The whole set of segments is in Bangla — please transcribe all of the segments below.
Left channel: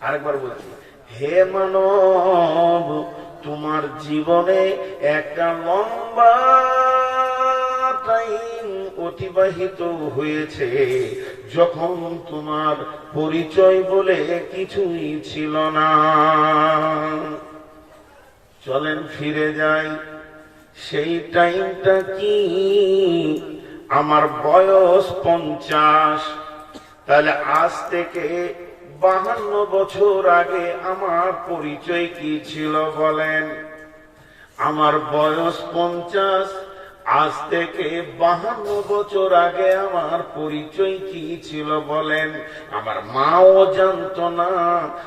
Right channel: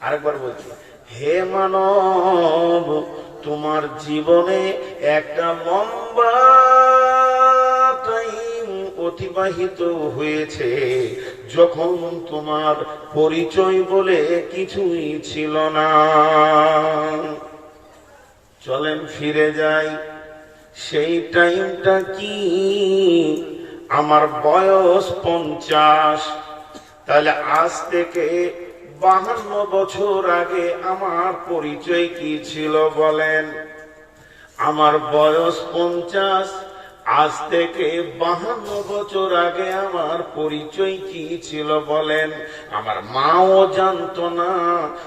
আরেকবার বলছি, হে মানব, তোমার জীবনে একটা লম্বা টাইম অতিবাহিত হয়েছে। যখন তোমার পরিচয় বলে কিছুই ছিল না। চলেন ফিরে যাই, সেই টাইমটা কি? আমার বয়স পঞ্চাশ, তাহলে আজ থেকে বাহান্ন বছর আগে আমার পরিচয় কি ছিল বলেন? আমার বয়স পঞ্চাশ, আজ থেকে বাহান্ন বছর আগে আমার পরিচয় কি ছিল বলেন? আমার মাও জানতো না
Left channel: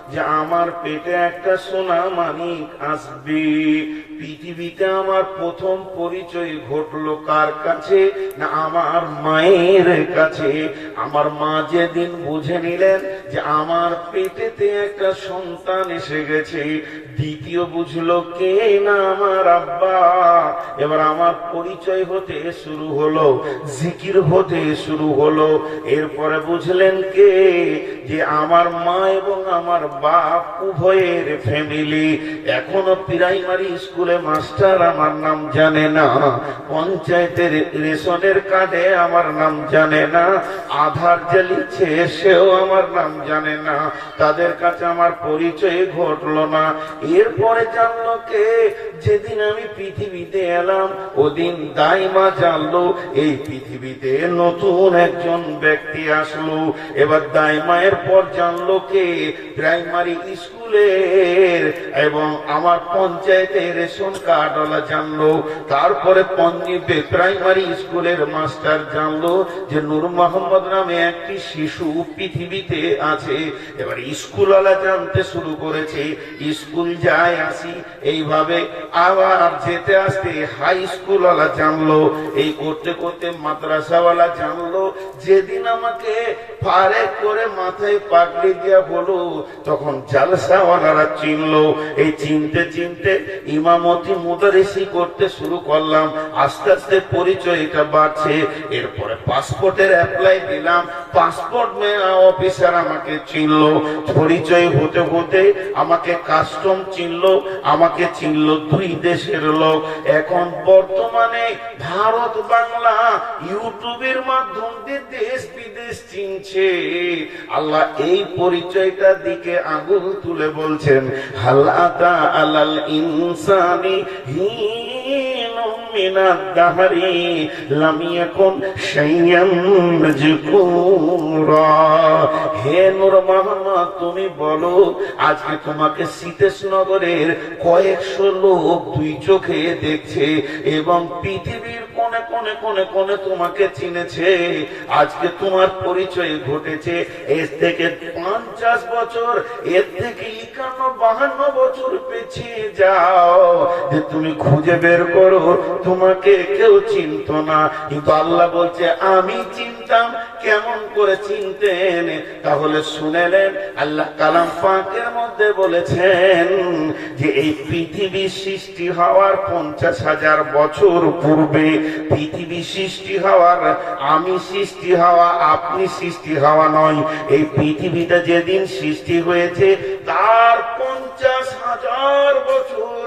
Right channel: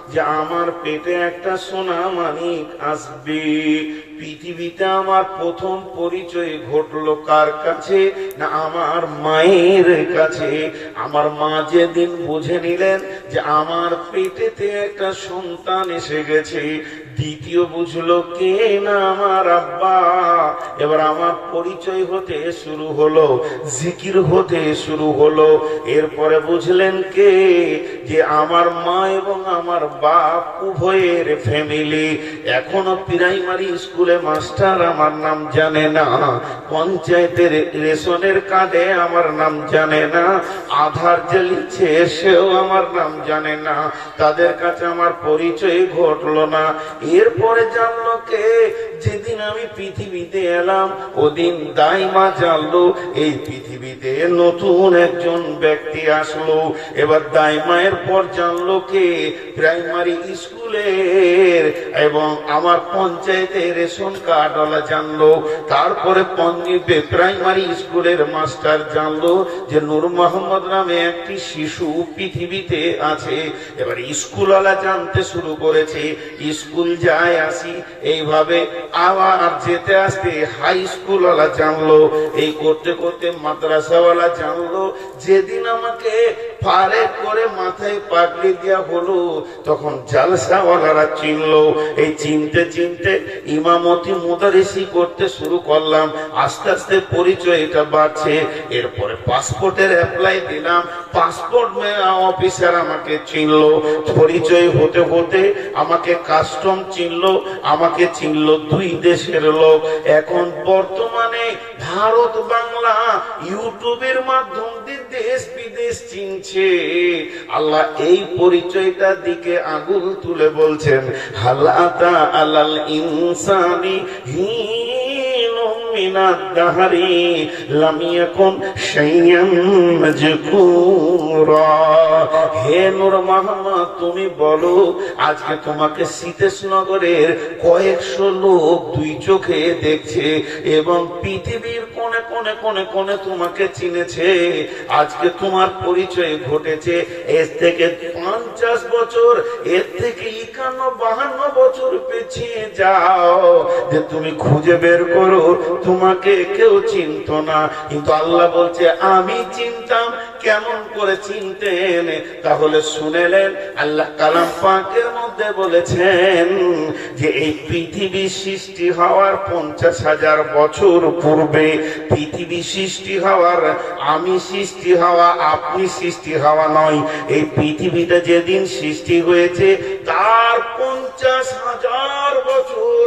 যে আমার পেটে একটা সোনা মানিক আসবে। পৃথিবীতে আমার প্রথম পরিচয় ঘটলো কার কাছে? না, আমার মায়ের কাছে। আমার মা যেদিন বুঝে নিলেন যে আমার পেটেতে একটা সন্তান এসে গেছে, দ্বিতীয় বুঝলো, কে না আমার আব্বা? এবার আমার পরিচয় হতে শুরু হলো, জিকির হতে শুরু হলো। এরপরে বুঝলেন কে? যে আমার মা এবং আমার বাপ উভয়ের ফ্যামিলি এখনও প্রাইমারি স্কুলে মাস্টার, আমার নাম জানে না। পঞ্চায়েতের রেশনের কার্ডে আমার নাম জানে না। আধার যে লিখছে সেও আমার নাম জানে না। তাদের কাছে আমার পরিচয় ঘটলো না। এরপরে জানলো কে? যেদিন আমি পৃথিবীতে এলাম, ওদিন দাইমা জানলো, এই পৃথিবীতে নতুন একজন ব্যক্তি আসলো। এবার দাইমায়ের পর জানলো কে? প্রাইমারি জানতে শুরু করেছে, স্কুল যায় আসি। এইভাবে আবার যেতে আসতে হাই স্কুলওয়ালা জানলো। এই করতে করতে মাদ্রাসাওয়ালা জানলো, যেদিন আমাকে পারে করে মাথায় পাগড়ি দেওয়া হলো, তখন জালসাওয়ালারা চিনলো। এই চিনতে চিনতে ইমামতি মুদারিসি করতে শুরু করলাম। আস্তে আস্তে পরিচয়টা বাড়ছে। এরপরে পাসপোর্টের অ্যাপ্লাই দিলাম। পাসপোর্ট অফিসার আমাকে চিনলো। পরিচয় হতে হতে আমাকে কাস্টম চিনলো। আমাকে চিনলো দুই দেশের লোক। এখন বর্তমানে ভারত, বাংলা ইউটিউবের মাধ্যম দিয়ে দেশ বিদেশ চিনছে। আল্লাহ এই পরিচয়টার দিকে আঙুল তুলে বলছেন হাল্লাতা আলাল ইনসানি হিন من الدهر لم يكن شيئا مذكورا হে নূর মোহাম্মদ তুমি বলো আজকে তোমাকে সীতেশ নগরের কয়েকশো লোক দুই চোখে দেখছে এবং পৃথিবীর কোনে কোনে তোমাকে চিনেছে। আজকে তোমার পরিচয় ঘটেছে। এর থেকে পঞ্চাশ বছর, এর থেকে একান্ন, বাহান্ন বছর পেছিয়ে যাও। যে তুমি খুঁজে বের করো, তোমাকে কেউ চিনত না। কিন্তু আল্লাহ বলছে, আমি চিনতাম, কেমন করে চিনতেন? তাহলে শুনেলেন, আল্লাহ কালাম পাকের মধ্যে বলেছেন যে, এই পৃথিবী সৃষ্টি হওয়ার পঞ্চাশ হাজার বছর পূর্বে পৃথিবী সৃষ্টি হওয়ার, আমি সৃষ্টি হওয়া, আপনি সৃষ্টি হওয়া নয়। এই পৃথিবীটা যেদিন সৃষ্টি হয়েছে, তার পঞ্চাশ হাজার বছর,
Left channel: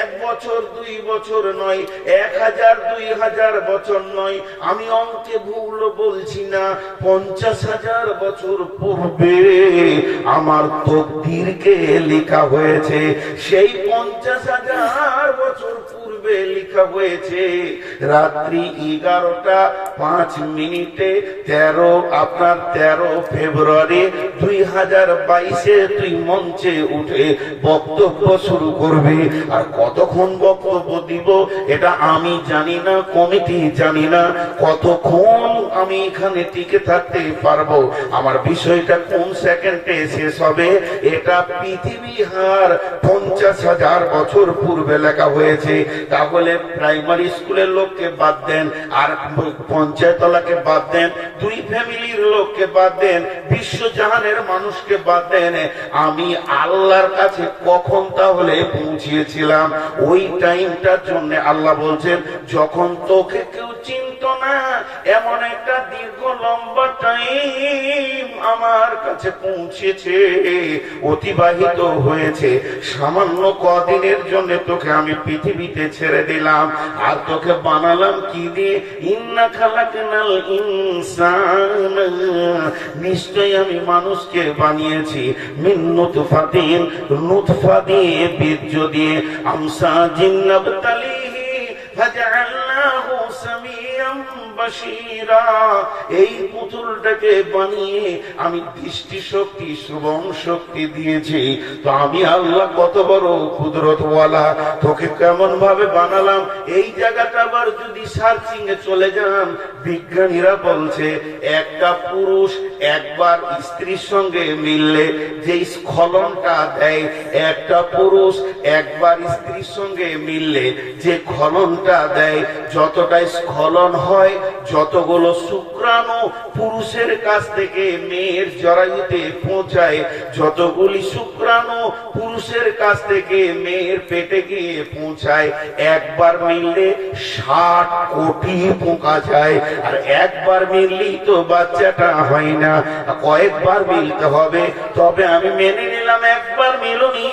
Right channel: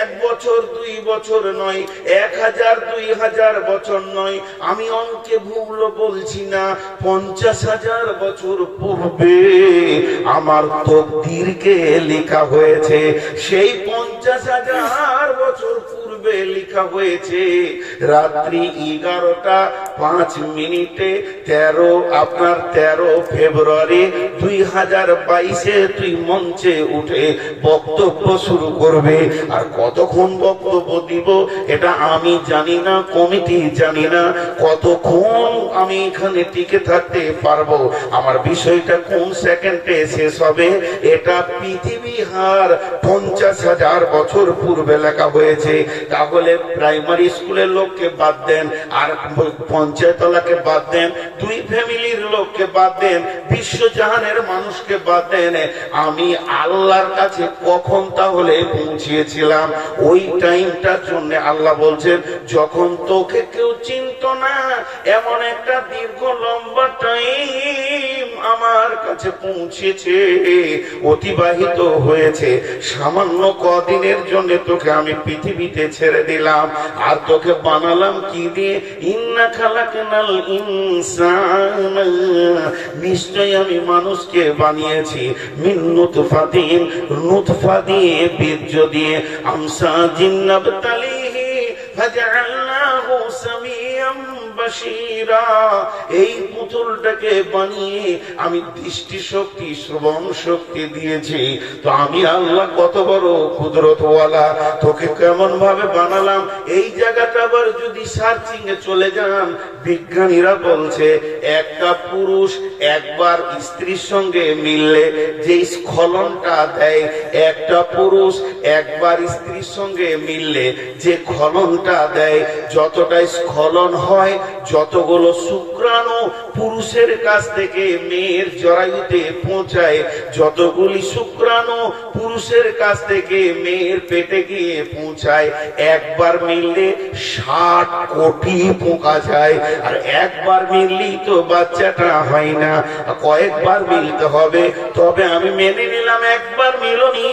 এক বছর, দুই বছর নয়, এক হাজার, দুই হাজার বছর নয়। আমি অঙ্কে ভুল বলছি না, পঞ্চাশ হাজার বছর পূর্বে আমার তকদিরকে লেখা হয়েছে, সেই পঞ্চাশ হাজার পূর্বে লেখা হয়েছে, রাত্রি এগারোটা পাঁচ মিনিটে, তেরো, আপনার তেরো ফেব্রুয়ারি দুই হাজার বাইশে তুই মঞ্চে উঠে বক্তব্য শুরু করবে। আর কতক্ষণ বক্তব্য দিব, এটা আমি জানি না, কমিটি জানি না, কতক্ষণ আমি এখানে টিকে থাকতে পারব, আমার বিষয়টা কোন সেকেন্ডে শেষ হবে, এটা পৃথিবী হার পঞ্চাশ হাজার বছর পূর্বে লেখা হয়েছে। তাহলে প্রাইমারি স্কুলের লোককে বাদ দেন, আর পঞ্চায়েতলাকে বাদ দেন, দুই ফ্যামিলির লোককে বাদ দেন, বিশ্বজাহানের মানুষকে বাদ দেন। আমি আল্লাহর কাছে কখন তাহলে পৌঁছিয়েছিলাম? ওই টাইমটার জন্য আল্লাহ বলছেন, যখন তোকে কেউ চিনত না, এমন একটা দীর্ঘ লম্বা টাইম কাছে পৌঁছেছে, অতিবাহিত হয়েছে। সামান্য কদিনের জন্য তোকে আমি পৃথিবীতে ছেড়ে দিলাম। আর তোকে বানালাম কি দিয়ে? ইন্না খালাকানাল ইনসান। নিশ্চয় আমি মানুষকে বানিয়েছি। মিন নুতফাতিন, নুতফা দিয়ে, বীর্য দিয়ে। আমসা জিন্নাবতালিহি, ফাজআলনাহু সামিয়াম এই পুতুলটাকে বানিয়ে আমি দৃষ্টি শক্তি শ্রবণ শক্তি দিয়েছি। তো আমি আল্লাহ কত বড় কুদরতওয়ালা, তোকে কেমন ভাবে বানালাম? এই জায়গাটা আবার যদি সার্চিং এ চলে যান, বিজ্ঞানীরা বলছে একটা পুরুষ একবার স্ত্রীর সঙ্গে মিললে যে স্খলনটা দেয়, একটা পুরুষ একবার স্ত্রীর সঙ্গে মিললে যে খলনটা দেয় যতটা স্খলন হয় যতগুলো শুক্রাণু পুরুষের কাছ থেকে মেয়ের জরায়ুতে পৌঁছায়, যতগুলি শুক্রাণু পুরুষের কাছ থেকে মেয়ের পেটে গিয়ে পৌঁছায়, একবার মিললে ষাট কোটি পোকা যায়। আর একবার মিললেই তো বাচ্চাটা হয় না। কয়েকবার মিলতে হবে, তবে আমি মেনে নিলাম একবার মিলনি।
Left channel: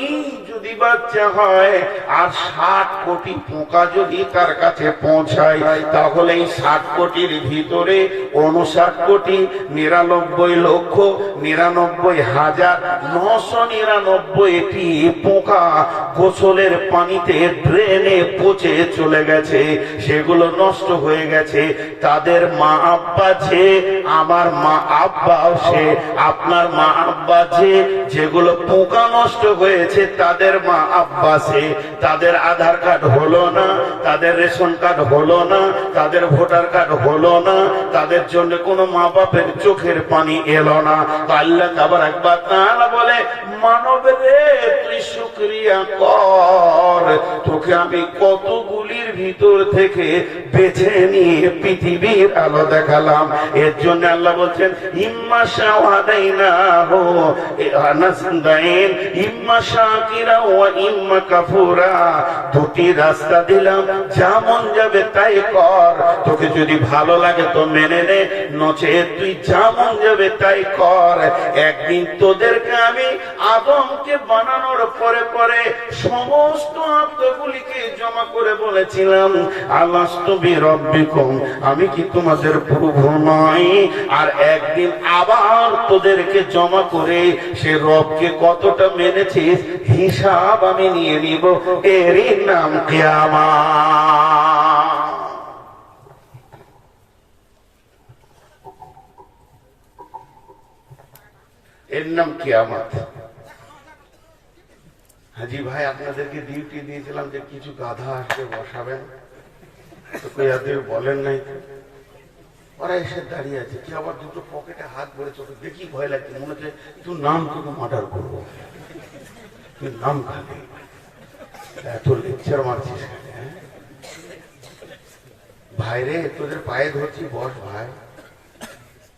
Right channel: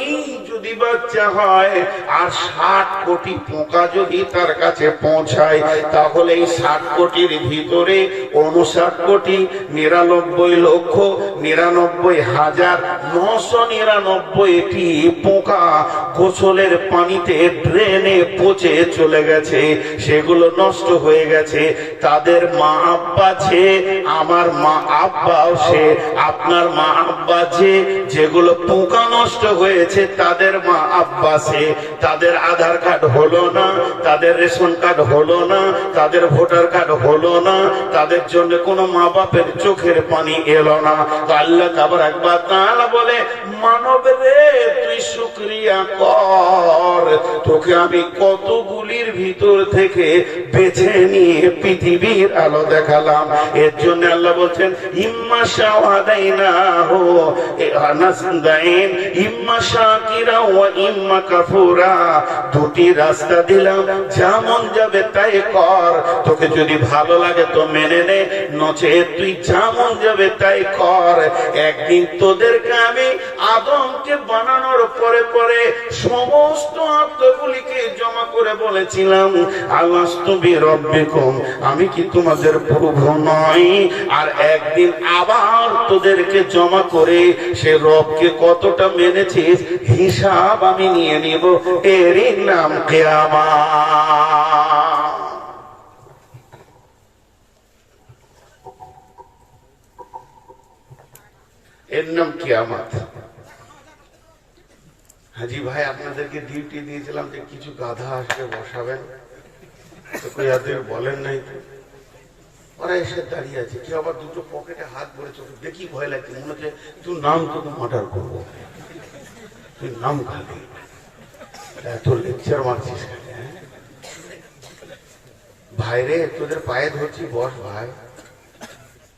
বাচ্চা হয়, আর ষাট কোটি পোকা যদি তার কাছে পৌঁছায়, তাহলে এই ষাট কোটির ভিতরে উনষাট কোটি, নিরানব্বই লক্ষ, নিরানব্বই হাজার, নশো নিরানব্বইটি পোকা গোসলের পানিতে ড্রেনে পচে চলে গেছে। সেগুলো নষ্ট হয়ে গেছে। তাদের মা আব্বা যে, আমার মা আব্বাও সে, আপনার মা আব্বা যে, যেগুলো পোকা নষ্ট হয়েছে, তাদের মা আব্বা সে তাদের আধার কার্ড হলো না, তাদের রেশন কার্ড হলো না, তাদের ভোটার কার্ড হলো না, তাদের জন্য কোনো মা বাপের চোখের পানি এলো না। আল্লাহ তাবার একবার তাআলা বলে, মানব রে, তুই শুক্রিয়া কর। তোকে আমি কতগুলির ভিতর থেকে বেছে নিয়ে পৃথিবীর আলো দেখালাম। এর জন্য আল্লাহ বলছেন, ইম্মা শাহাদাইনা হো আনাসদাইন ইম্মা শাকিরা দুটি রাস্তা দিলাম যাবে তাই কর। তোকে যদি ভালো লাগে তো মেনে নে, নচে তুই যাবে তাই কর। একদিন তোদেরকে আমি আদমকে বানানোর পরে পরে সমস্ত আত্মগুলিকে জমা করে বলেছিলাম আমি কি তোমাদের প্রভু নয় আর একদিন আবার তোদেরকে জমা করে সে রবকে কতটা মেনেছিস? হিসাব আমি নিয়ে নিব। এরই নাম কেয়ামা এর নাম কিয়ামত। হাজি ভাই, আপনাদেরকে ডিউটি দিয়েছিলাম যে কিছু গাধা আসবে, বসাবেন। বলেন নাই। ওরা এসে দাঁড়িয়ে আছে। কি আবার দুটো পকেটে হাত ভরে চোখ দেখি ভয় লাগছে। মনে হচ্ছে তুই নাম তোকে অর্ডার করব। নাম খালি এত লেকচার মারছিস হ্যাঁ? ভাই রে তোদের পায়ে ধরছি, বস ভাই।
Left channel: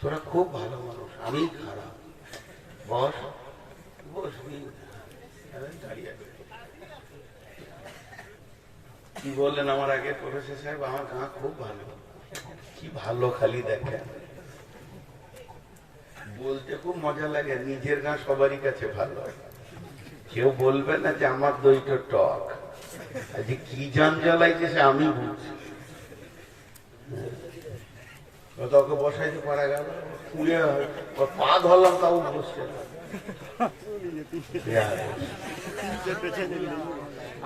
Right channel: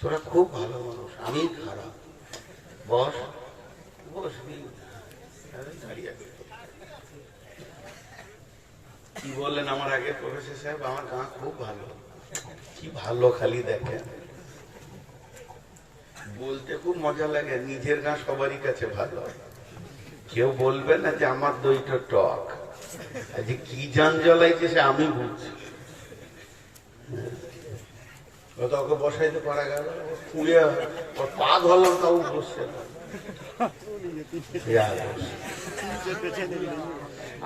তোরা খুব ভালো মানুষ, আমি খারাপ। বস বসবি কি বললেন আমার আগে প্রফেসর সাহেব? আমার গাঁ খুব ভালো। কি ভালো খালি দেখেন। বলতে খুব মজা লাগে, নিজের গাঁ সবারই কাছে ভালো। কেউ বলবে না যে আমার দইটা টক। যে কি জান জ্বলাইছে সে আমি বুঝছি। ও তো ওকে বসাইতে পারা গেল পুড়ে পা ধরলাম, তাও বসছে না।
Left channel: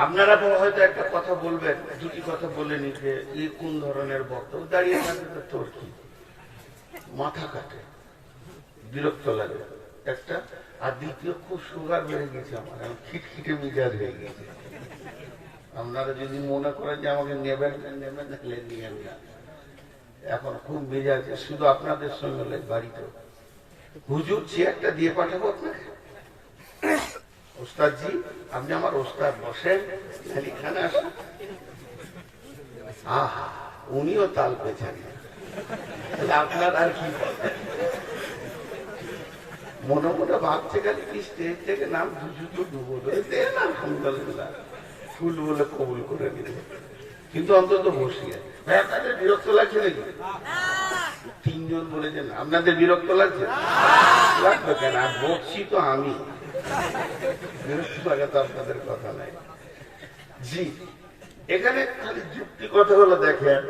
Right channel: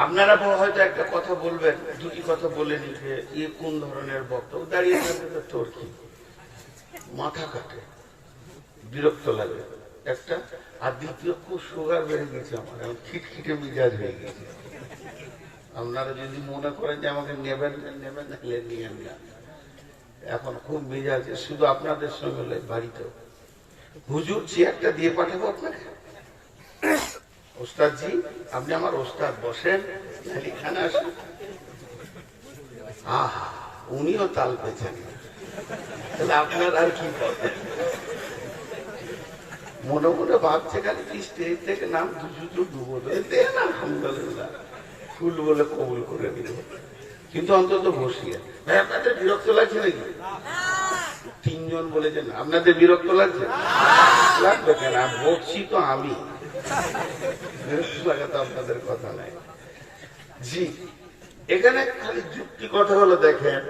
আপনারা হয়তো একটা কথা বলবেন, দুটি কথা বলে নিবে এ কোন ধরনের বক্তব্য? দাঁড়িয়ে থাকবে তোর কি? মাথা কাটে, বিরক্ত লাগে। একটা আর দ্বিতীয় খুব সুগার বেড়ে গেছে আমি খিটখিটে মেজাজ হয়ে গেছে। আপনারা যদি মনে করেন যে আমাকে নেবেন না নেবেন না হলে নিয়েন এখন খুব মেজাজ, শুধু আপনাদের সঙ্গে হলে বাড়িতে হুজুর চেয়ারটা দিয়ে পাঠাবো আপনাকে? ওস্তাদজি, আপনি আমার ওস্তাদ বসেন খালি এখানে আসেন। আহা, উনিও তাল পেছেন তাহলে আপনার আর কি? মনে মনে ভাবছে খালি স্টেজ থেকে নাম ডুবো ফুল বলে কবুল করে দিল কিন্তু অন্তত বসিয়ে ভাই আপনাদের বিরক্ত লাগছে নাকি? তিনজন বলেছেন আপনাদের বিরক্ত লাগছে? লাগবে কেন? আর বকছি তো আমি। বিরক্ত লাগা তো আপনাদের কথা নাই জি, এখানে খালি যুক্তি কথাগুলো দেখেন।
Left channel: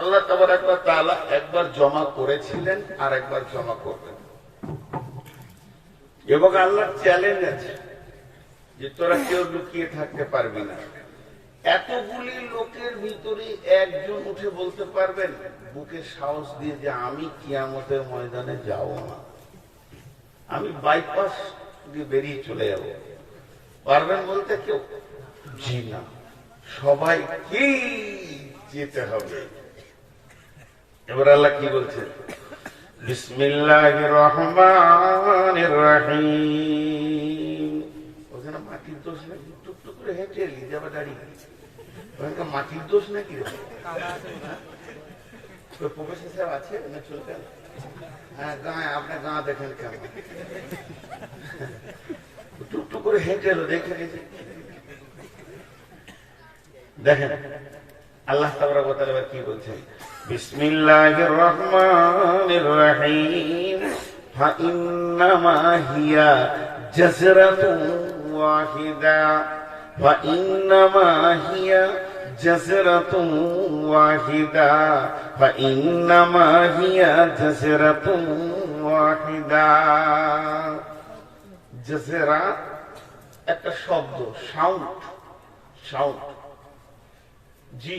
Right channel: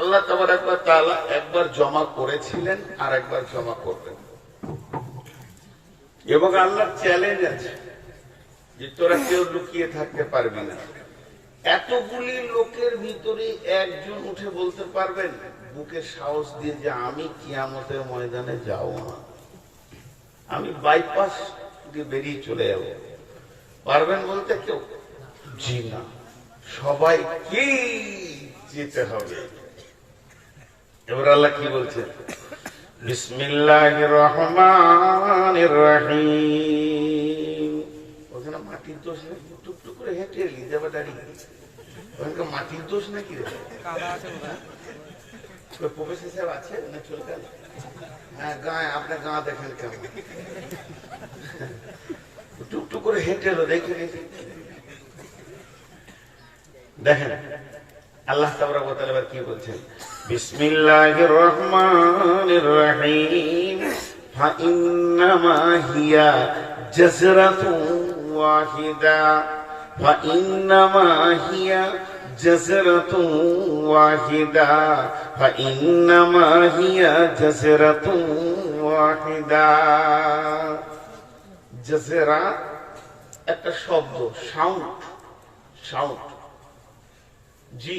আল্লাহ তাবার একবার তালা একবার জমা করেছিলেন আর একবার জমা করবেন। এবং আল্লাহ চ্যালেঞ্জ আছে যে তোরা কেউ লুকিয়ে থাকতে পারবি না। এতগুলি লোকের ভিতরে একজন উঠে বলতে পারবেন বুকে সাহস দিয়ে যে আমি কিয়ামতের ময়দানে যাব না। আমি বাইপাস দিয়ে বেরিয়ে চলে যাব। পারবেন বলতে কেউ? জি না। সবাই কি যেতে হবে। এবার আল্লাহ কি বলছেন? বিসমিল্লাহ রহমান রহিম ওখানে মাটির দোষ নাকি করে হেঁটে এলি ওখানকার মাটির দোষ নাকি প্রফেসর সাহেব আছে না চলে গেল হ্যাঁ গাঁ, আপনার গাঁ দেখেন কেমন। টুকটুক করে হেঁটে এলো, দেখে দেখে। দেখেন, আল্লাহ তাআলা কি বলছেন? বিসমিল্লাহির রহমানির রহিম ফাইন্নামা হিয়া জাজরাতুন ওয়াহিদা। ফাইন্নামা হিয়া জাজরাতুন ওয়াহিদা। ফাইন্নামা হিয়া জাজরাতুন ওয়াহিদা। জাজরা একটা শব্দ, সাউন্ড জি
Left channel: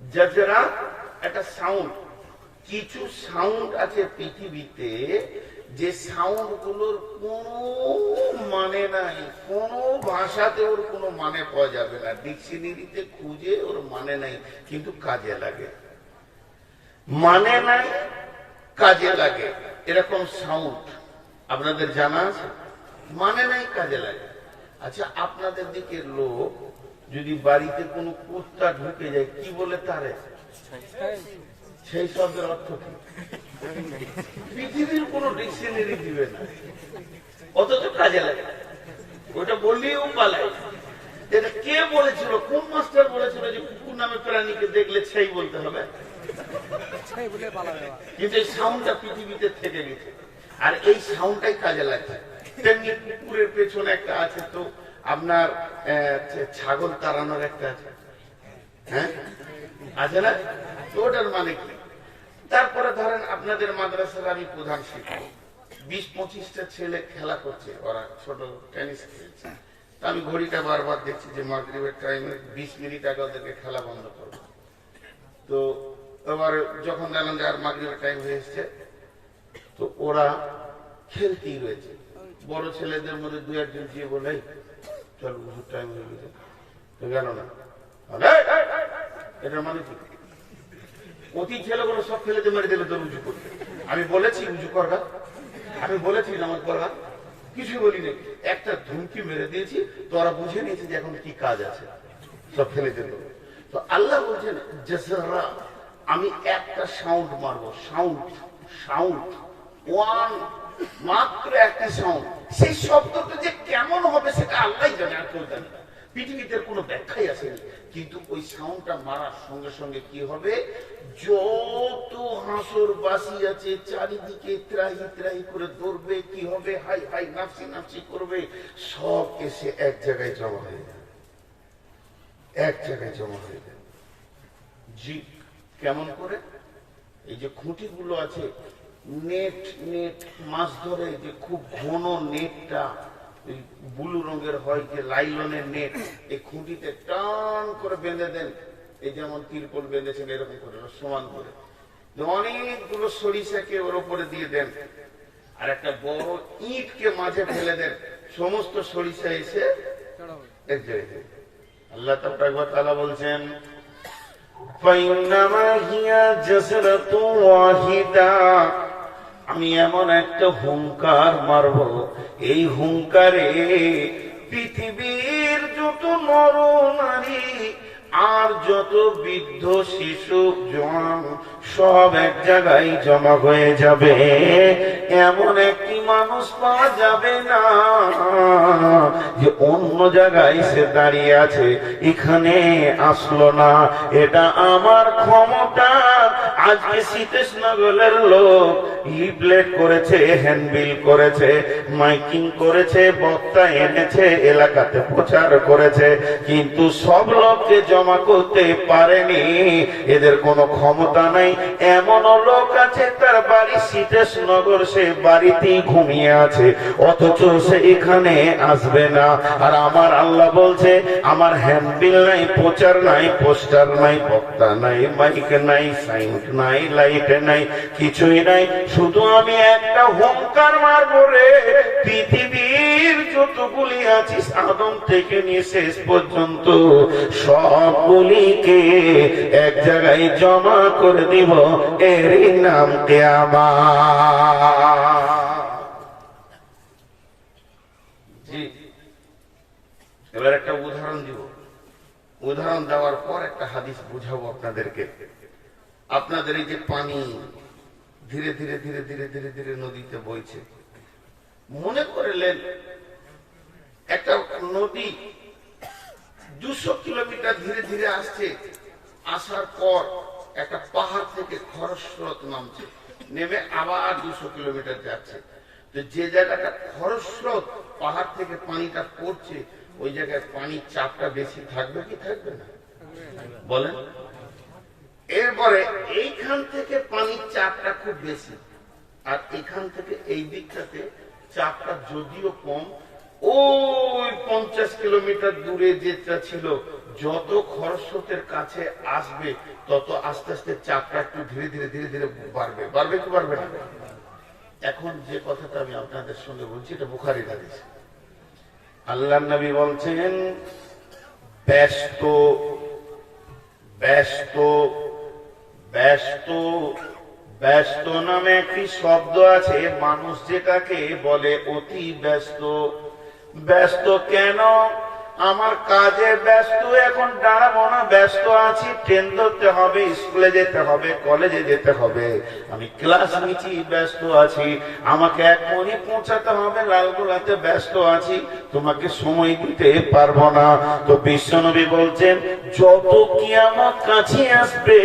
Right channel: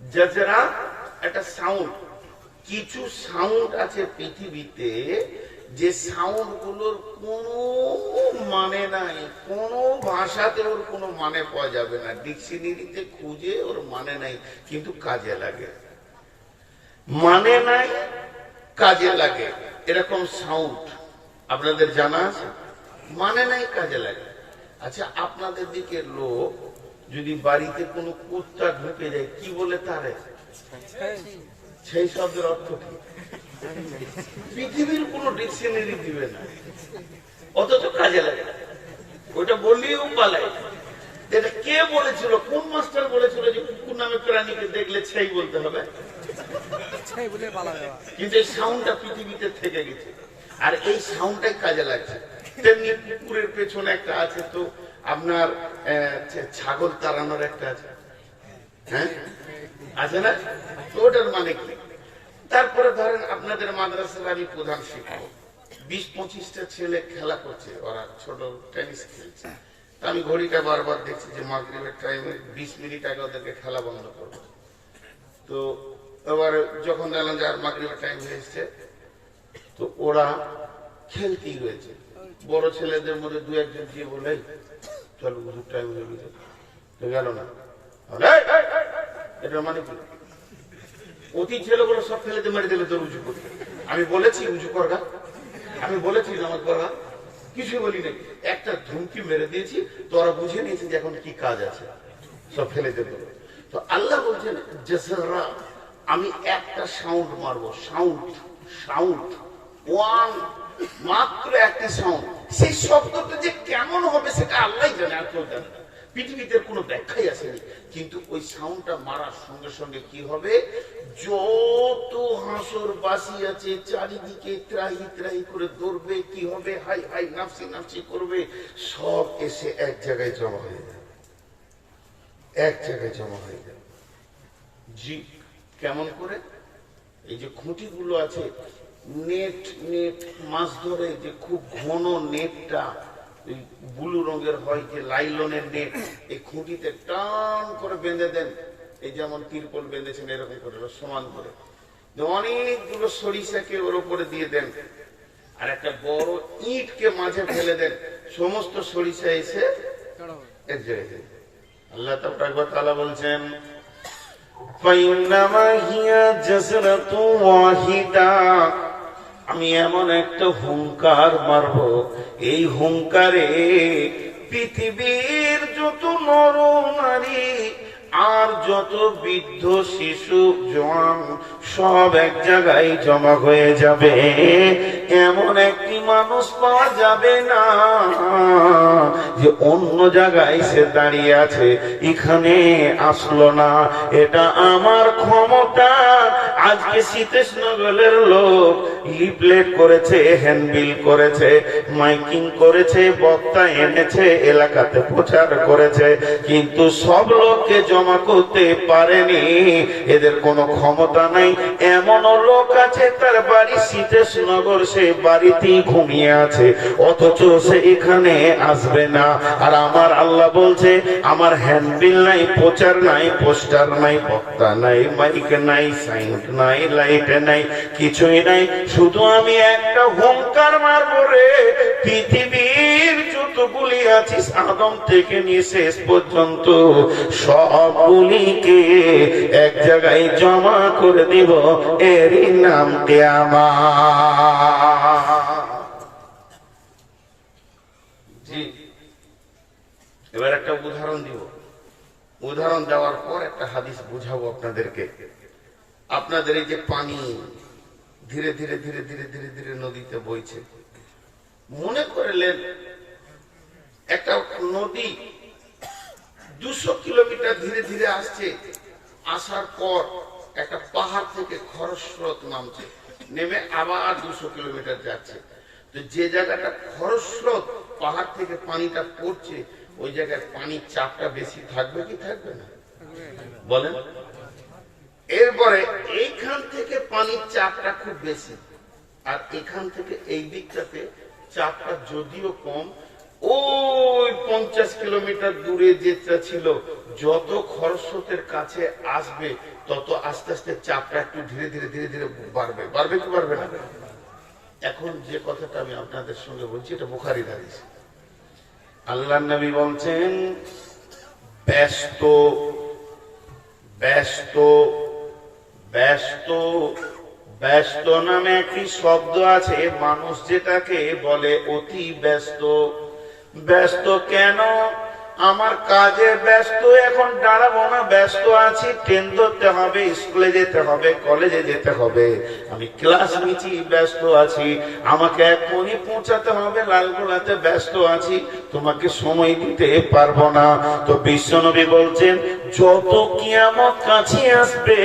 জাজরা একটা সাউন্ড কিছু সাউন্ড আছে পৃথিবীতে যে সাউন্ডগুলোর কোনো মানে নাই, কোনো ভাষাতে ওর কোনো মানে পাওয়া যাবে না। ডিকশনারিতে খুঁজে ওর মানে নাই, কিন্তু কাজে লাগে। মানে নাই, কাজে লাগে। এরকম সাউন্ড আপনাদের জানা আছে? মানে নাই, কাজে লাগে। আচ্ছা আপনাদের দিকে লোক যদি বাড়িতে কোনো কুত্তা ঢুকে যায়, কি বলে তারে? সেই শব্দের অর্থ কি? পৃথিবীর কোন ডিকশনারি দিবে না। অথচ কাজে লাগে। ওটা বললেও পালায় এটা কে বলেছিল কোন মাস্টার বলেছিল যে কুকুর নামে প্রাণীকে দেখলে সেই বলতে হবে? কিন্তু এই সাউন্ডটা পৃথিবীতে থেকে গেছে। আর এই সাউন্ডটাই কাজে লাগছে। তেমনি কুকুরের পেছনে একটা আছে তো আপনার ছাগল তাড়ানোর একটা আছে। হ্যাঁ? আছে না? ওটার মানে কি তারপরে ধরেন আপনাদের মাদ্রাসার আমি প্রধান শিক্ষক। বিশ পঁচিশটা ছেলে খেলা করছে ওরা ছোট টেনিস খেলছে। আমি ঘড়িটা বারবার দেখছি যে মাগরিবের টাইমে বিশ মিনিট আগে ওদেরকে খেলা বন্ধ করব। তো এবারে যখন দেখলাম যে আর মাগরিবের টাইম হয়ে এসছে তো ওরা খেলতেই রয়েছে বড় ছেলেদের মধ্যে দু একজন যে বলে চল টাইম হয়ে গেছে। তো গেল না। বলে, "এই, এই, এই, এটা মানে কি? অতি ছেলেগুলো সব ছেলেদের মেরে দিলে তোর উঁচু করবে। আমি বলেছি উঁচু করবা আমি বলেছি নামাজ পড়বা কিছু বলি নেই। একটা ধুমকি মেরে দিয়েছি, তোরা বুঝে নিয়েছে যে এখন কি কাজ আছে। সব ফেলে দেবো তো আল্লাহ বলছেন, জেসরা, আমি একটা সাউন্ড মারবো। সাউন্ড সাউন্ড ওয়ান মাত্র একটা সাউন্ড সেই শব্দটা যে কেমন হবে সেটা আল্লাহ জানে, আর কেউ জানে। পৃথিবীতে কোনো ব্যাখ্যাই আসেনি। কিন্তু ওই সাউন্ডটা মারার সঙ্গে সঙ্গে কি হবে? যত হাসর বাসি আছে, চারিদিকে ত্রাহি ত্রাহি করে দৌড়বে, কি হবে? হাই হাই নাফসি নাফসি করবে। সব এসে এক জায়গায় জমা হয়ে যাবে। এক জায়গায় জমা হয়ে যাবে। জি, কেমন করে? এই যে খুঁটিগুলো আছে, নেট নেট, মাছ ধরে যে খুব ঘন নেটটা ব্লু রঙের হয় যে লাইলনের নেট এই খুঁটিতে টান করে বেঁধে দেন এই যেমন তিরপল বেঁধেছেন এরকম করে সমান করে দিয়ে অনেকগুলো সরিষাকে ওর উপরে দিয়ে দেন আর একটা বড় ইটকে মাঝে ফেলে দেন সমস্ত সরিষা এসে এক জায়গায় যায়। আল্লাহ তাআলা বলছেন فإنما هي جزرة واحدة আমি এমন একটা হুঙ্কার মারব। এই হুঙ্কারে পৃথিবীর যত নর নারী আর যত বৃদ্ধ, শিশু, জওয়ান সব এক জায়গায় জমা হয়ে যাবে। এমন একটি মানুষ পাওয়া যাবে না যে অন্য জায়গায় সে দাঁড়িয়ে আছে। এখানে আসলো না। এটা আমার ক্ষমতা। আজকে সীতেশ নগরের লোক লিফলেট করেছে, হ্যান্ডবিল করেছে, মাইকিং করেছে, বক্তা এনেছে, এলাকাতে প্রচার করেছে। কিন্তু সব লোককে জমা করতে পারেনি। এদের কোনো ক্ষমতা নেই। এমন লোক আছে, তার বাড়ি সীতেশ নগর সে বাড়িতেই ঘুমিয়ে আছে। অথচ সে এখানে আসবে না। আর আমার আল্লাহ বলছে, আমার হ্যান্ডবিল নাই প্রচার নাই পোস্টার নাই বক্তা নাই মাইক নাই সাইন নাই লাইট নাই, কিছুই নাই। শুধু আমি একটা হুঙ্কার মারবো রে। পৃথিবীর যতগুলি আছিস, আদম থেকে নিয়ে শেষ পর্যন্ত সবগুলিকে এক জায়গায় জমা করে দিব এরই নাম এবার একটা উদাহরণ দিব। উদাহরণ দেওয়ার পর একটা হাদিস বুঝাবো আপনাদেরকে। আপনাদের এই যে পানি ধীরে ধীরে ধীরে ধীরে ধীরে ধীরে নদীতে বইছে। মনে করলেন একটা নদী দুশো কিলোমিটার ধীরে ধীরে আসছে, আসার পর একটা পাহাড় থেকে খরস্রোত নামছে। নেমে আবার দুশো কিলোমিটার যাচ্ছে। তো যে জায়গাটা খরস্রোত, পাহাড় থেকে পানিটা পড়ছে, ওই জায়গায় পানির চাপটা বেশি থাকবে কি থাকবে না? বলেন। এরপরে এইখান থেকে পানির চাপটা খুব বেশি। আর এখান থেকে এই দিকটাতে চাপটা যদিও কম, ওই পঞ্চাশ কিলোমিটার দূরে যেটা ছিল, যত খরস্রোতের কাছে আসবে তত আস্তে আস্তে চাপটা একটু ধীরে ধীরে ধীরে ধীরে বাড়বে। বাড়বে কি বাড়বে না? এখন যে কথাটা আমি আপনাদের সঙ্গে বলছি, এটা বুখারি দাঁড়িয়েছে আল্লাহ নবী বলছেন, ব্যস্ত ব্যস্ত ব্যস্ত ব্যস্ত নামে একটি শব্দ আছে। মানুষ যেটাকে বলে অতি ব্যস্ত। ব্যস্ত কেন? আমার কাজে ব্যস্ত, এখন দাঁড়াবো না, ব্যস্ত আছি, ট্রেন ধরতে হবে, স্কুলে যেতে হবে, কলেজে যেতে হবে। আমি ক্লাস নিচ্ছি ব্যস্ত আছি। আমাকে এখনই পৌঁছাতে হবে, লালগোলাতে ব্যস্ত আছি। তোমাকে সময় দিতে পারব না। তো বিশ্বনবী বলছেন, যত কিয়ামত কাছে আসবে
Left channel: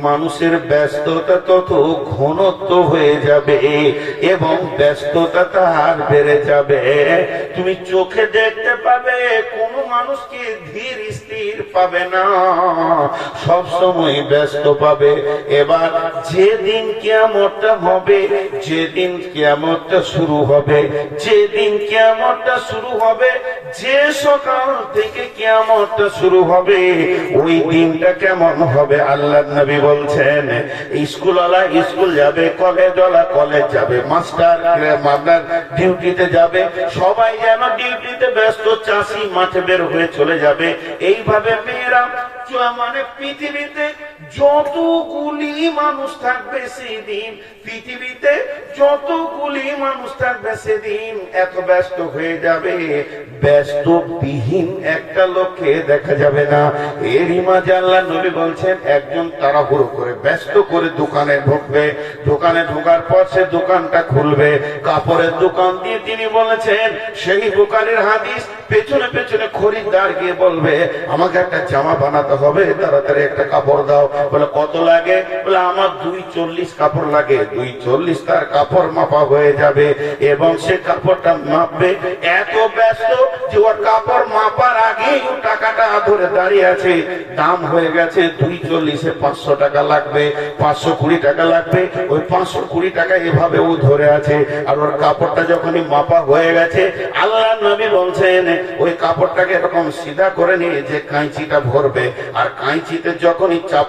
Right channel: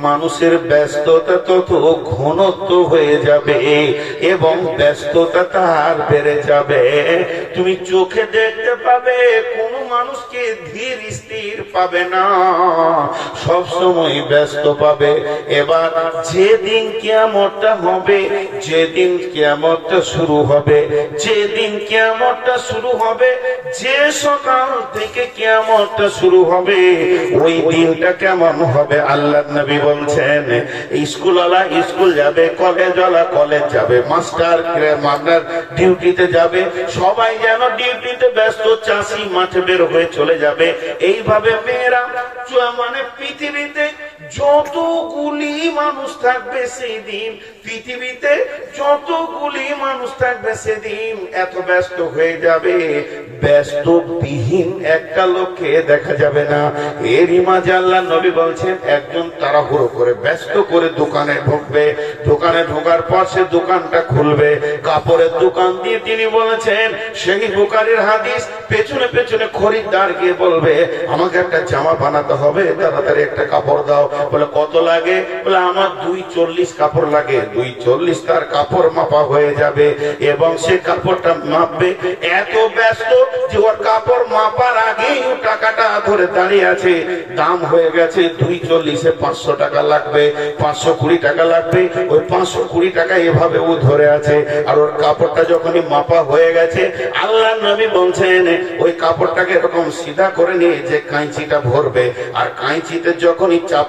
মানুষের ব্যস্ততা তত ঘনত্ব হয়ে যাবে এবং ব্যস্ততা তার বেড়ে যাবে। তুমি চোখে দেখতে পাবে কোনো মানুষকে ধীর স্থির পাবে না। সব সময় ব্যস্ত পাবে। এবার যেদিন কিয়ামতটা হবে, যেদিন কিয়ামতটা শুরু হবে, যেদিন কিয়ামতটা শুরু হবে, যে সকাল থেকে কিয়ামতটা শুরু হবে, ওই দিনটা কেমন হবে আল্লাহ নবী বলছেন স্কুলওয়ালা স্কুল যাবে কলেজওয়ালা কলেজ যাবে, মাস্টার মাস্টার ডিউটিতে যাবে, সবাই যেন ডিউটিতে ব্যস্ত, চাষি মাঠে বের হয়ে চলে যাবে। এইভাবে মেয়েরা চ- মানে পৃথিবীতে যতগুলি মানুষ থাকবে সেই দিন পৃথিবীতে যতগুলি মানুষ থাকবে সেদিন এত ব্যস্ত হয়ে যাবে। ব্যস্ত বিহীন একটা লোককে দেখা যাবে না। এরই মাঝে আল্লাহ নবী বলছেন, একজন তাড়াহুড়ো করে ব্যস্ত করে দোকানে ঢুকবে। দোকানে ঢোকার পর সে দোকানটা খুলবে। কাপড়ের দোকান দিয়ে তিনি বলেছেন, সেই দোকানের হাদিস পেছনে পেছনে খরিদ্দার গিয়ে বলবে, আমাকে একটা জামা বানাতে হবে, তাড়াতাড়ি একটা কাপড় দাও। বলে, কত লাগে? বলে, আমার দুই চল্লিশ কাপড় লাগে। দুই চল্লিশ তার কাপড় মাপা হয়ে যাবে এবং সে কাপড়টা মাপবে। এত ব্যস্ত যে ওর কাপড় মাপার আগেই ও টাকাটা ধরে দাঁড়িয়ে আছে। দাম হয়ে গেছে দুই চল্লিশে পাঁচশো টাকা লাগবে, পাঁচশো কুড়ি টাকা লাগবে। ওই পাঁচশো কুড়ি টাকা এভাবে ও ধরে আছে। আর ওর কাপড়টা যখনই মাপা হয়ে গেছে, আল্লাহ নবী বলছেন, ওই কাপড়টাকে এরকম সিধা করে নিয়ে যে কাঁচিটা ভরবে। আর কাঁচিতে যখনই চাপ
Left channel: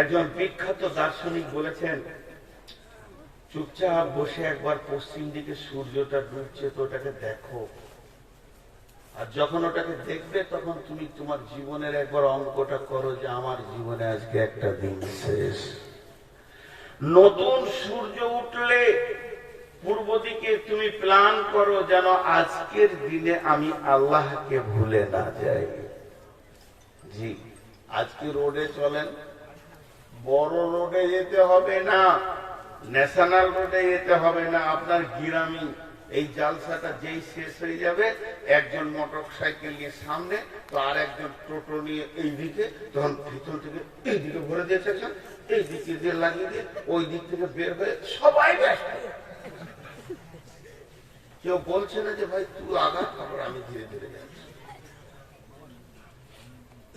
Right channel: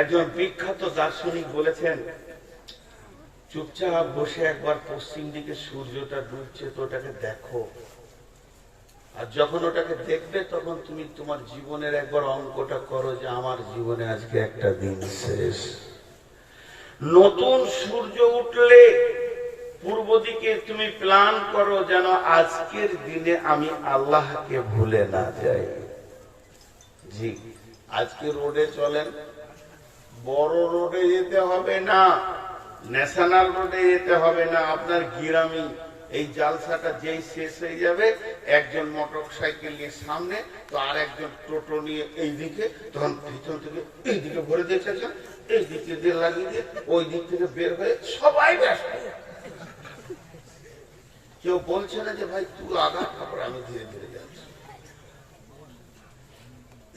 একজন বিখ্যাত দার্শনিক বলেছেন, চুপচাপ বসে একবার পশ্চিম দিকে সূর্যটা ডুবছে তো ওটাকে দেখো। আর যখন ওটাকে দেখবে, তখন তুমি তোমার জীবনের একবার অঙ্কটা করো যে আমার জীবনে আজকে একটা দিন শেষ। নতুন সূর্য উঠলে পূর্ব দিকে তুমি প্ল্যান করো যেন আজকের দিনে আমি আল্লাহকে ভুলে না যাই। জি, আজকে রোডে চলেন বড় রোডে যেতে হবে না ন্যাশনাল রোডে যেতে হবে না। আপনার গিরামি এই জালসাটা যেই শেষ হয়ে যাবে, একজন মোটর সাইকেল নিয়ে সামনে তো আর একজন টোটো নিয়ে এই দিকে তখন ভিতর থেকে এই দিকে ভরে দিয়েছে এই দিকে দিয়ে লাগিয়ে দিয়ে ওই দিক থেকে বের হয়ে সবাই ব্যস্ত। কেউ বলছে না যে, ভাই, তুই আগা তারপর আমি ধীরে ধীরে যাচ্ছি।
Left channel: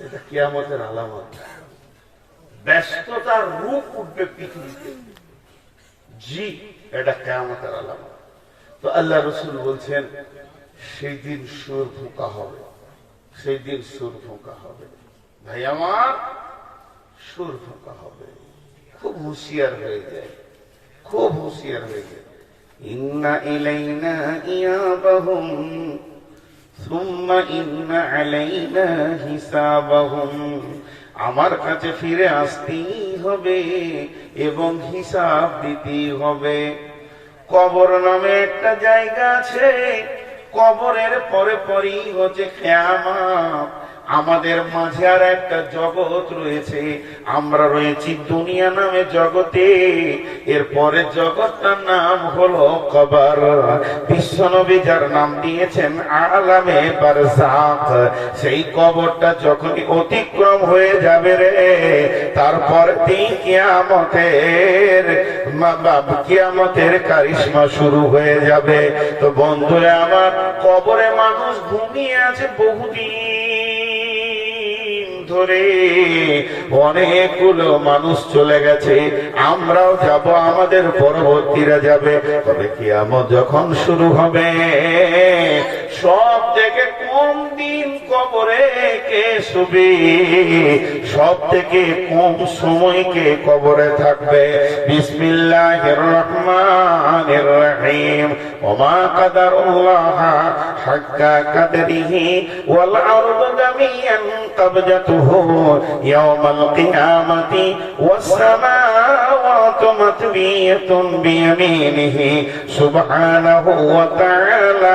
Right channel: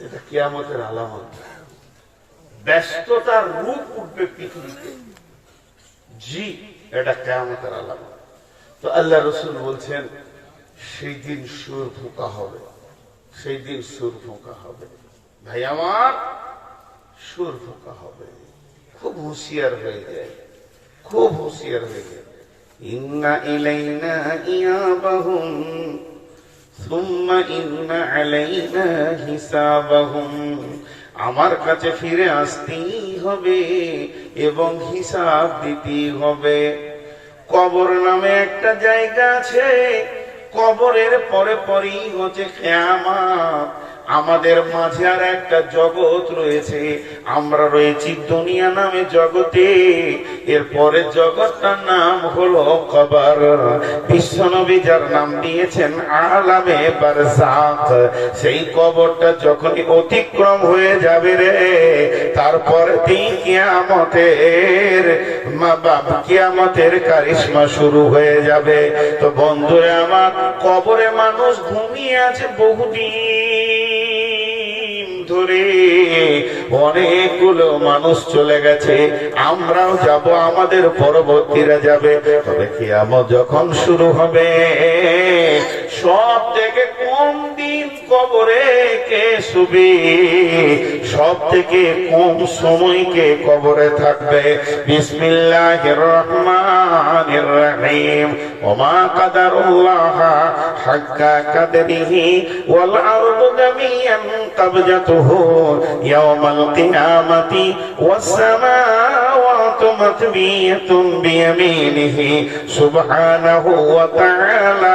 এটা কেয়ামতের আলামত। ব্যস্ততার রূপ উঠবে পৃথিবীতে জি এটা কেয়ামতের আলামত তো আল্লাহ রসুল বলছেন সেই দিন সুর ফুকা হবে সেই দিন সুর ফুকা হবে ভাই আমার সুর ফুকা হবে খুব হুঁশিয়ার হয়ে যায় খুব হুঁশিয়ার হয়ে যায় ইন্না ইলাইনা ইয়াবাহুম ثم إن علينا حسابهم আমার কাছে ফিরে আসতেই হবে এবং হিসাব দিতেই হবে। কবর নামে একটা জায়গা আছে, কবরের পরে পরেই হচ্ছে খেয়ামা আমাদের মাঝে আর একটা জগৎ রয়েছে। আমরা রয়েছি দুনিয়া নামে জগতে। এরপরে জগৎটার নাম হলো কবর। বিশ্বনবী যার নাম দিয়েছেন আলামে বারজাখ সেই কবরটা যখনই অতিক্রম হয়ে যাবে রে তারপরে কিয়ামতের কিয়ামতের কারিশমা শুরু হয়ে যাবে। তো বন্ধুরা আমার কবরে মানুষ ঘুমিয়ে আছে বহুদিন। ধরে অনেকগুলো মানুষ চলে গেছে, আমরাও যাব, আমাদের পরবর্তীরা যাবে। তবে কিয়ামত যখন শুরু হবে, সব থেকে কোন দিন কবরে কে শুবি? সব থেকে কম সময়কে কবরে থাকবে। বিসমিল্লাহ রহমান রহিম। ওমা কাদারুল্লাহ হাক্কা কাদরিহি ওয়াল দামিয়ান তাবজাতুহু কিয়ামাতি ওয়াস সামাওয়াতু বিয়ামিনিহি। সুবহানাহু ওয়া তাআলা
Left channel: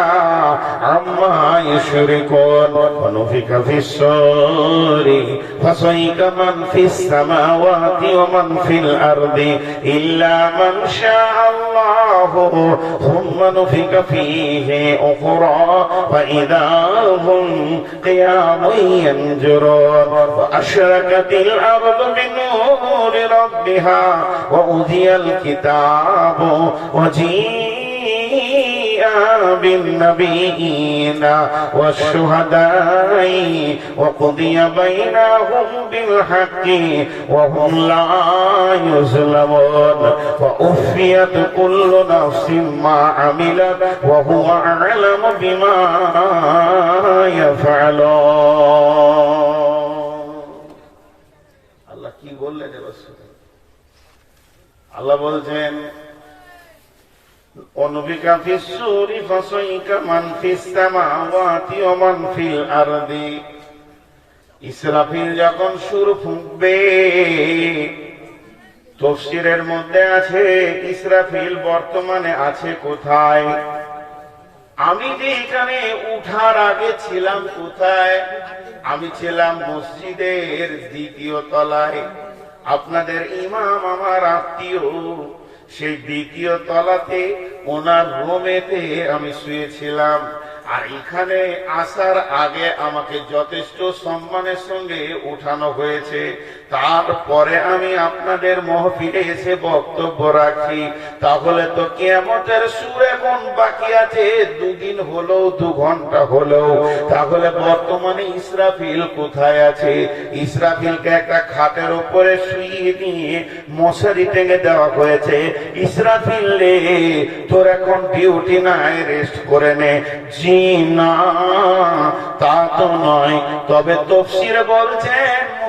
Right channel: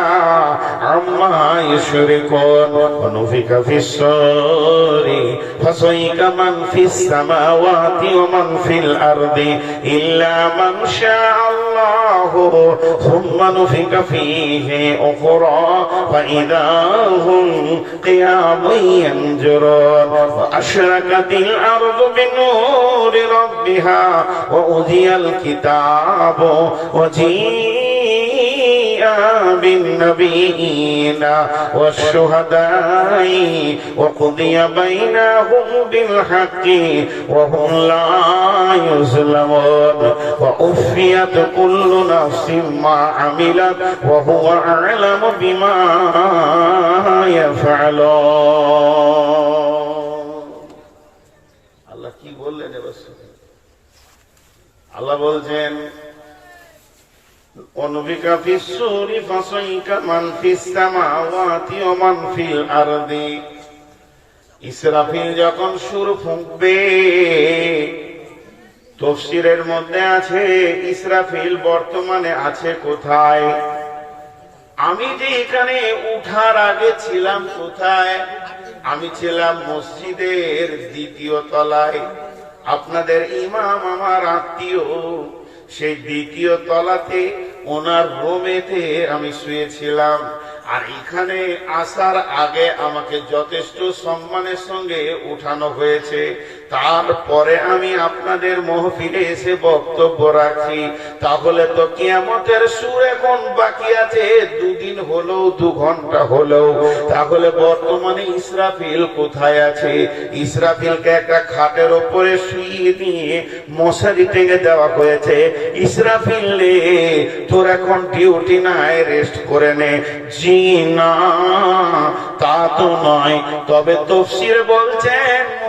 عما يشركون ونفك في الصور فصيك من في السماوات ومن في الأرض إلا من شاء الله ثم نفك فيه أخرى فإذا هم قيام ينجرون وأشركت الأرض بنور ربها وأوذي الكتاب وجيء بالنبيين والشهداء وقضي بينهم بالحق وهم لا يظلمون وأفيت كل نفس ما عملت وهو أعلم بما يفعلون আল্লাহ কি বললেন এবার শুনুন। আল্লাহ বলছেন ونفك في السور فصيك من في السماوات ومن في الأرض ইসরাফিল যখন সুর ফুঁকবে তফসিরের মধ্যে আছে ইসরাফিল বর্তমানে আছে কোথায় আমি যে এখানে উঠার আগে ছিলাম কোথায় আমি ছিলাম মসজিদের দ্বিতীয় তলায় আপনাদের ইমাম আমার আত্মীয় সেই দ্বিতীয় তলাতে ওনার রোমেতে আমি শুয়েছিলাম। আর এখানে আসার আগে আমাকে যথেষ্ট সম্মানের সঙ্গে উঠানো হয়েছে। তারপরে আমি আপনাদের মহফিলে এসে বক্তব্য রাখছি। তাহলে তো কেমতের সুর এখন বাকি আছে। দুদিন হলেও, দু ঘণ্টা হলেও। তাহলে বর্তমানে ইসরাফিল কোথায় আছে? ইসরাফিলকে একটা খাটের ওপরে শুয়ে নিয়ে মশারি টেঙে দেওয়া হয়েছে। ইসরাফিল তোর এখন ডিউটি নাই রেস্ট করে নে। জি না তা তো নয়। তবে তফসির বলছেন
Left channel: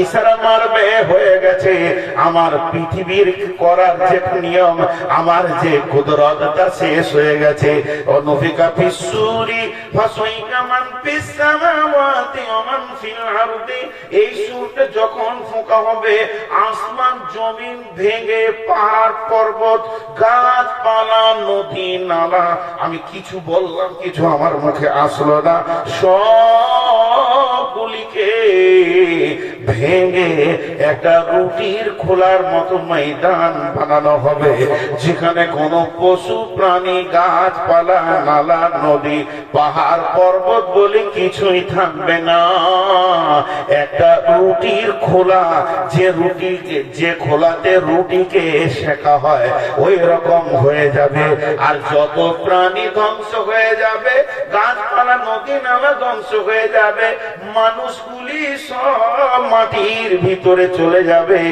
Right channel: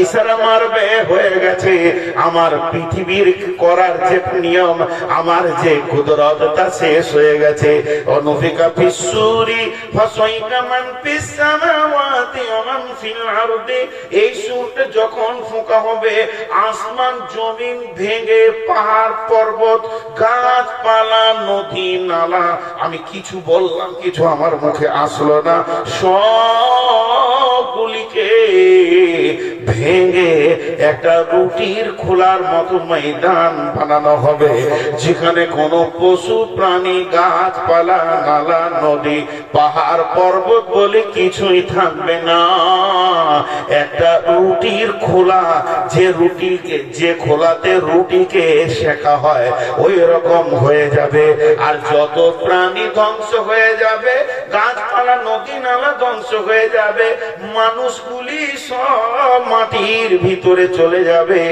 ইসরা মারবে হয়ে গেছে। আমার পৃথিবীর করার যে নিয়ম, আমার যে কুদরত, তা শেষ হয়ে গেছে। অনুফিকা ফিসুরি ফাসাইকা মান ফিস সামাওয়াতি ওয়া মান ফিল আরদি। এই সুরটা যখন ফোঁকা হবে, আসমান, জমিন ভেঙে পাহাড়, পর্বত, গাছপালা, নদী, নালা, আমি কিছু বললাম, কিছু আমার মুখে আসলো না। সবগুলিকে ভেঙে একটা রুটির খোলার মতো ময়দান বানানো হবে, যেখানে কোনো পশু, প্রাণী, গাছপালা, নালা, নদী, পাহাড়, পর্বত বলে কিছুই থাকবে না। একটা রুটির খোলা, যে রুটিকে, যে খোলাতে রুটিকে শেখা হয়, ওই রকম হয়ে যাবে। আর যত প্রাণী ধ্বংস হয়ে যাবে, গাছপালা, নদী, নালা ধ্বংস হয়ে যাবে, মানুষগুলি সব মাটির ভিতরে চলে যাবে,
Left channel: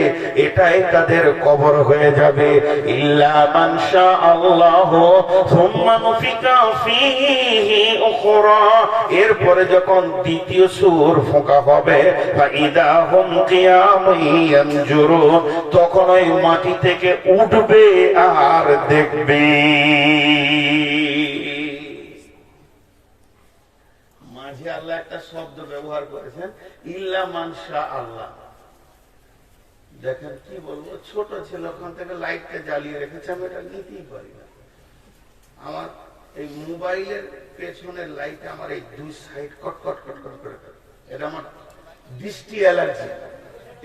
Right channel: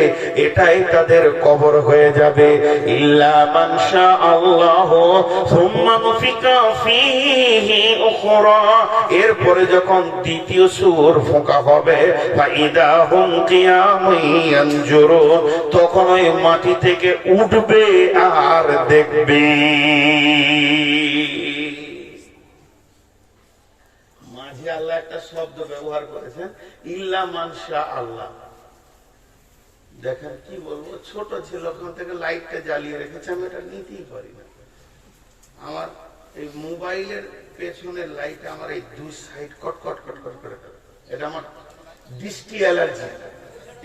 এটাই তাদের কবর হয়ে যাবে। এরপরে যখন দ্বিতীয় সুর ফোঁকা হবে তখন ওই মাটি থেকে উঠবে আর দেখবে মাঝে আল্লাহ একটা শব্দ ব্যবহার করেছেন, ইল্লা মানসা আল্লাহ। দেখেন কি বলব, ছোট ছিল ওখান থেকে লাইটটা জ্বালিয়ে রেখেছে, আমি এটা নিতেই পারি না। আমার এই মোবাইলের পেছনের লাইট আমার এই দুই সাইড কট কট কট কট করে। এটা আমার দৃষ্টি অ্যালার্জি।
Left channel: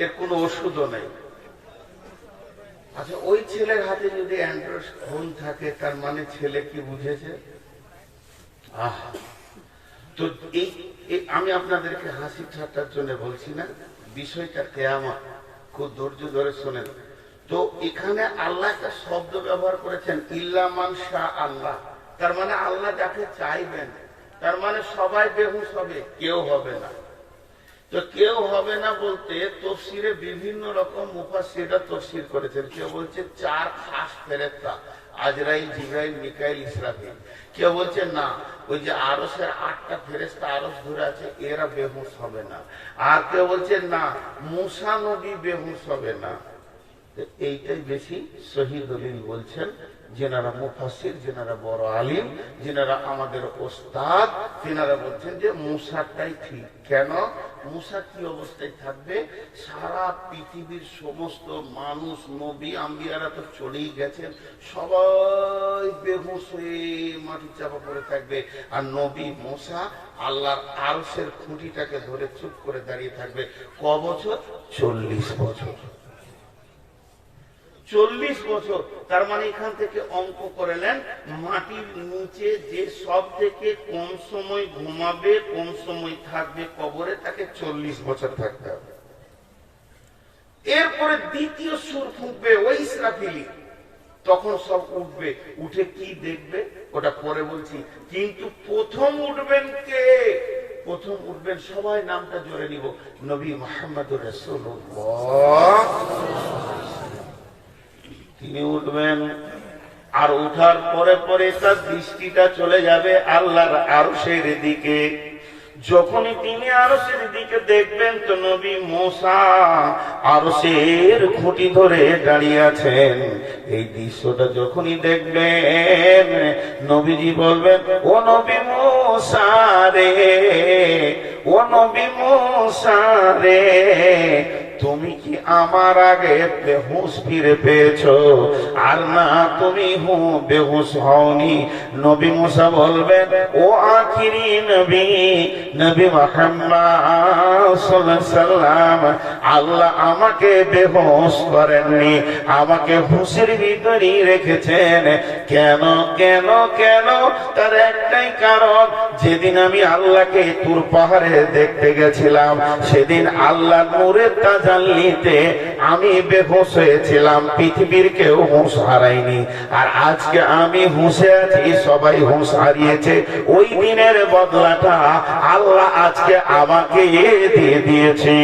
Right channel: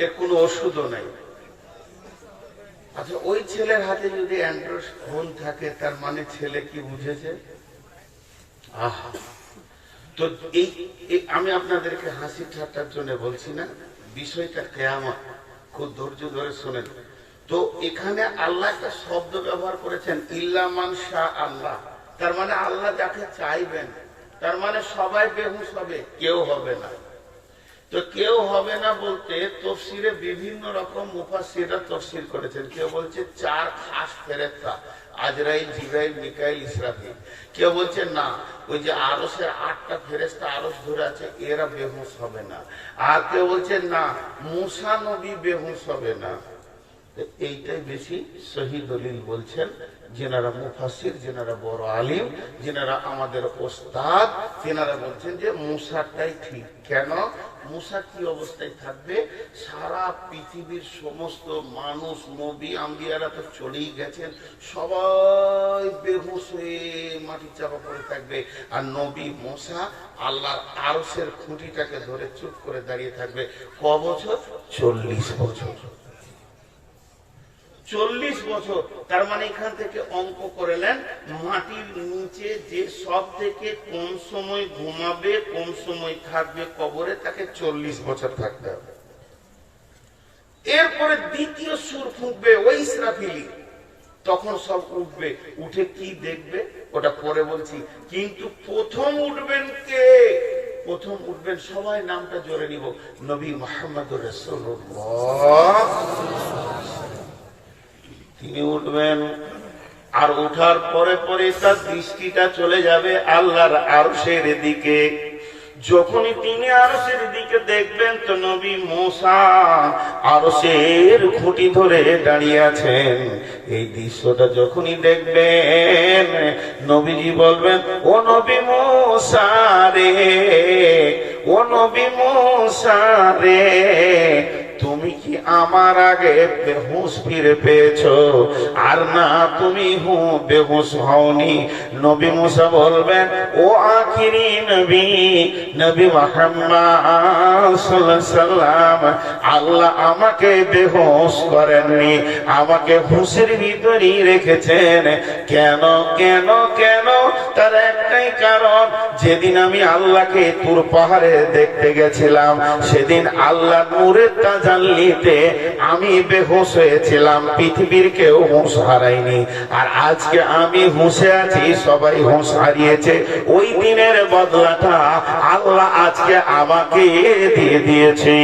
এর কোনো ওষুধও নাই। আচ্ছা ওই ছেলের হাতে যদি অ্যান্ড্রয়েড ফোন থাকে, তার মানে ছেলে কি বুঝেছে? আহ! তো এই আমি আপনাদেরকে হাসি ঠাট্টার জন্য বলছি না, বিষয়টা কেয়ামত, খুব ধৈর্য ধরে শোনেন। তো এখানে আল্লাহ একটা শব্দ ব্যবহার করেছেন ইল্লামান শাহ আল্লাহ। তার মানে আল্লাহ যাকে চাইবেন, তার মানে সবাই বেহুশ হবে, কেউ হবে না। তো কেউ হবে না বলতে তফসিরে বিভিন্ন রকম মুফাসিরা তফসির করেছেন। কেউ বলছে চার খাস ফেরেস্তা আজরাইল জিব্রাইল, মিকাইল, ইসরাফিল। কেউ বলছে, না, ওই যে আরসের আটটা ফেরেস্তা আরস ঘুরে আছে, এরা বেহুশ হবে না। আর কেউ বলছে, না, মুসা নবী বেহুশ হবে না। এইটাই বেশি সহি দলিল বলছেন। যেনারা মুফাসির যেনারা বড় আলিম, যেনারা আমাদের ওস্তাদ, তেনারা বলছেন যে মুসাটাই ঠিক। কেন? মুসা কি অবস্থায় থাকবে? সারা পৃথিবীর সমস্ত মানুষ, নবী, আম্বিয়ারা তো চলেই গেছেন। সবাই বেহুশ হয়ে মাটি চাপা পড়ে থাকবে। আর নবী মশা আল্লাহর আরসের খুঁটিটাকে ধরে চুপ করে দাঁড়িয়ে থাকবে। ক বছর? চল্লিশ বছর। চল্লিশ বছর। তার মানে এখান থেকে অঙ্ক করে নেন, মাটির নিচে যে সব থেকে কম সময় ঘুমাবে কম সময় থাকবে কবরে, তাকে চল্লিশ বছর থাকতে হবে। এরপরে দ্বিতীয় সুর ফুঁকবে ওই ইসরাফিলি। তখন সব উঠবে, উঠে কি দেখবে? ওটা পরে বলছি। কিন্তু প্রথম উঠবেন কে? প্রথম উঠবেন সবাই নামটা জোরে নিব। নবী মোহাম্মদ রাসূলুল্লাহ। তিনি উঠবেন। আর উঠার পরে পরে তার দৃষ্টিটা চলে যাবে আল্লাহর আরশের দিকে। যখনই তিনি আরশের দিকে দেখবেন তো নবী মোসা আরশের খুঁটি ধরে দাঁড়িয়ে আছেন। এই দৃশ্যটা যখনই দেখবেন, নবীজি বলবেন, ও নবী মোসা রে, ও নবী মোসা রে তুমি কি আমার আগে বেহুশ ফিরে পেয়েছ? আর না, তুমি হু বেহুশ হওনি। নবী মুসা বলবেন, ও আখিরি নবী নবী সাল্লাম আল্লাহ আমাকে বেহুশ করেননি, আমাকে হুশের ভিতরেই রেখেছেন। কেন কেন কেন? তার একটাই কারণ, যেদিন আমি আল্লাহকে তুর পাহাড়ে দেখতে গেছিলাম, সেদিন আল্লাহ নূরের তাজাল্লিতে আমি বেহোশ হয়েছিলাম, পৃথিবীর কেউ হুঁশ হারায়নি। আর আজকে আমি হুঁশে আছি, সবাই হুঁশ হারিয়েছে। ওই দিনের বদলাটা আল্লাহ আজকে আমাকে দিয়ে দিয়েছি।